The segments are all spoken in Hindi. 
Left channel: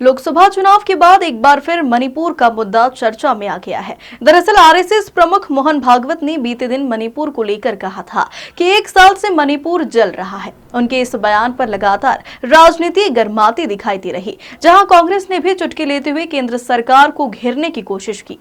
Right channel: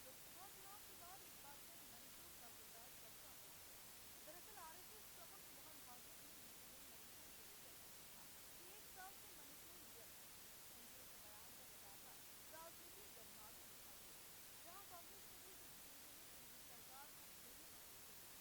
लोकसभा चुनाव के बाद एक बार फिर मणिपुर का मुद्दा चर्चा में आ गया है। दरअसल आरएसएस प्रमुख मोहन भागवत ने बीते दिन मणिपुर को लेकर कहा था कि 1 साल से मणिपुर जल रहा है। उनके इस बयान पर लगातार राजनीति गर्माती दिखाई दे रही, जहां कांग्रेस ने भी चुटकी लेते हुए केंद्र सरकार को घेरने की कोशिश की।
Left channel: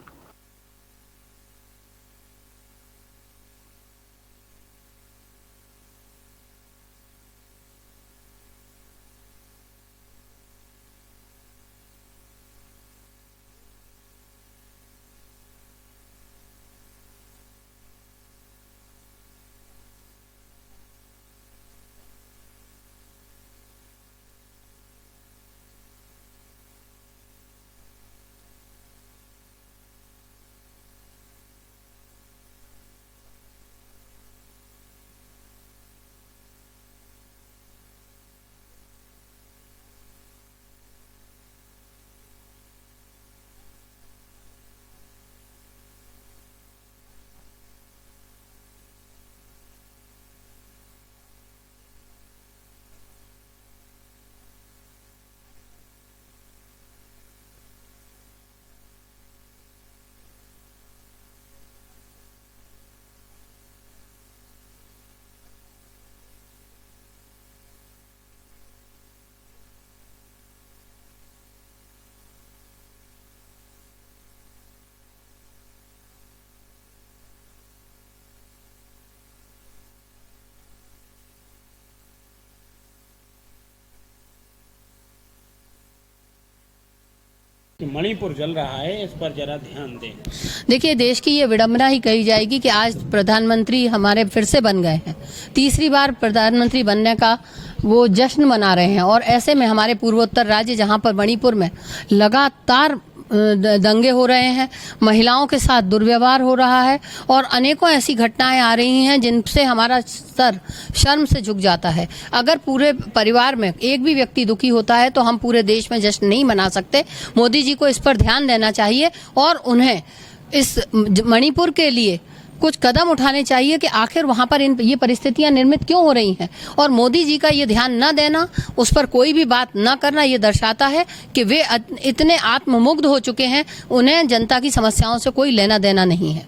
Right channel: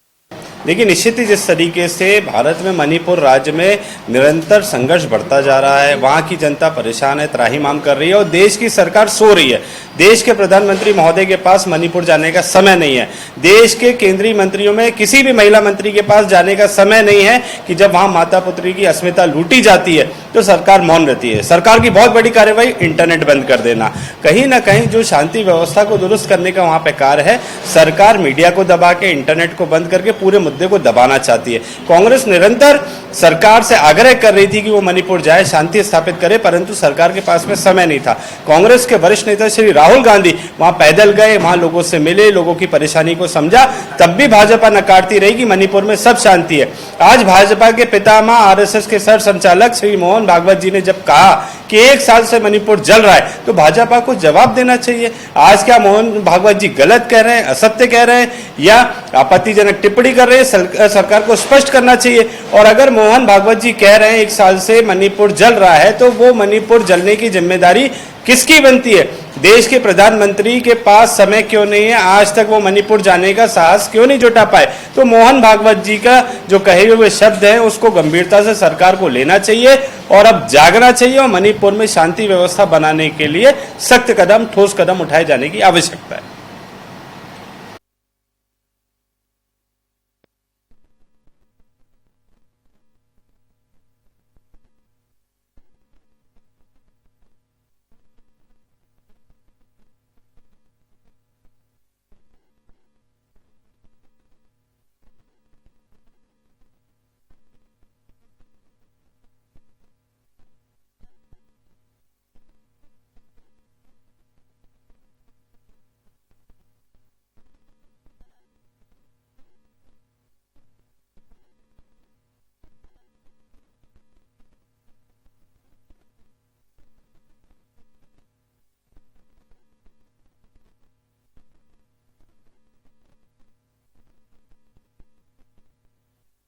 देखिए, निश्चित ही जिस तरीके से भारत में मणिपुर राज्य में निरंतर संघर्ष बढ़ता जा रहा है, वहाँ की जनता परेशान है, त्राहिमाम कर रही है और देश की सरकार सो रही है। देश के प्रधानमंत्री महोदय के पास मणिपुर जाने का समय नहीं है। देश के केंद्रीय मंत्रियों में किसी भी महिला मंत्री के पास जाने का समय नहीं है कि जब वहाँ माता पुत्री की अस्मिता लूटी जाती है तो सरकार मौन रहती है। सरकार की बहुत बड़ी कार्यवाही इंटरनेट बंद कर देना, कहीं ना कहीं जो शांति व्यवस्था को दुरुस्त करने का वहाँ पे कार्य है, सरकार मीडिया को दबा के, इंटरनेट को बंद करके पूरे मुद्दे को दबाना चाहती है। कांग्रेस निरंतर सरकार से आग्रह कर रही थी कि वो मणिपुर जाए, शांति स्थापित करे, परंतु सरकार के पास में समय नहीं था। कांग्रेस के वरिष्ठ नेता श्री राहुल गांधी वहां पैदल गए, वहां लोगों से मिले, लोगों की परेशानी को समझा, तब भी भाजपा नकारती रही कि मणिपुर में सब शांति है। आज भाजपा के पितामह आरएसएस के सर संचालक श्री मोहन भागवत जी ने जब कहा कि 1 साल से मणिपुर जल रहा है, तो भाजपा को जवाब देना चाहिए। आज क्या मोहन भागवत जी गलत कह रहे हैं, असत्य कह रहे हैं या आपत्तिजनक टिप्पणी कर रहे हैं? सरकार को स्पष्ट करना चाहिए। और अगर मोहन भागवत जी कह रहे हैं 1 साल से मणिपुर जल रहा है, तो वो मणिपुर जलने की जिम्मेदारी किसकी बनती है? देश के प्रधानमंत्री के पास समय क्यों नहीं है? आज तक वो मणिपुर जाने का साहस क्यों नहीं जुटा पाए? तो मोहन भागवत जी का जो कहे हुए शब्द है उसको गंभीरता से सरकार को लेना चाहिए और अब जागना चाहिए और मणिपुर में शांति व्यवस्था बनाने के लिए सख्त कदम, ठोस कदम उठाए जाने की आवश्यकता है। मणिपुर जल रहा है, इस पर जरा ध्यान दें। देखिए, देश की ये विडंबना ही कही जाएगी कि आज प्रधानमंत्री हमारे फिर से बन गए हैं। तीसरी बार प्रधानमंत्री बनने का वो जश्न मना रहे हैं और ऐसे में हमारे पूर्वोत्तर राज्य, जहां पर मणिपुर में लगातार दंगे हो रहे हैं, महिलाओं के साथ दुर्व्यवहार हो रहा है और अनेकों ऐसी घटनाएं आ रही हैं जिनसे हमारा सर शर्म से झुक जाता है। अगर पूरे परिवार में एक भी व्यक्ति दुखी होता है तो हम पूरे देश में जश्न नहीं मना सकते। मोदी जी को इस पर ध्यान देना चाहिए और उन्हें इस मणिपुर के लिए कुछ कदम उठाने चाहिए कि आखिर वहां पर ये परिस्थितियां निर्मित क्यों हो रही हैं। और मोदी जी का ये ध्यान न देना, उस पर कोई भी बात न करना, ये दर्शाता है कि वे इतने आत्ममुग्ध हो चुके हैं, उन्हें जनता की समस्याओं से कोई लेना देना नहीं है।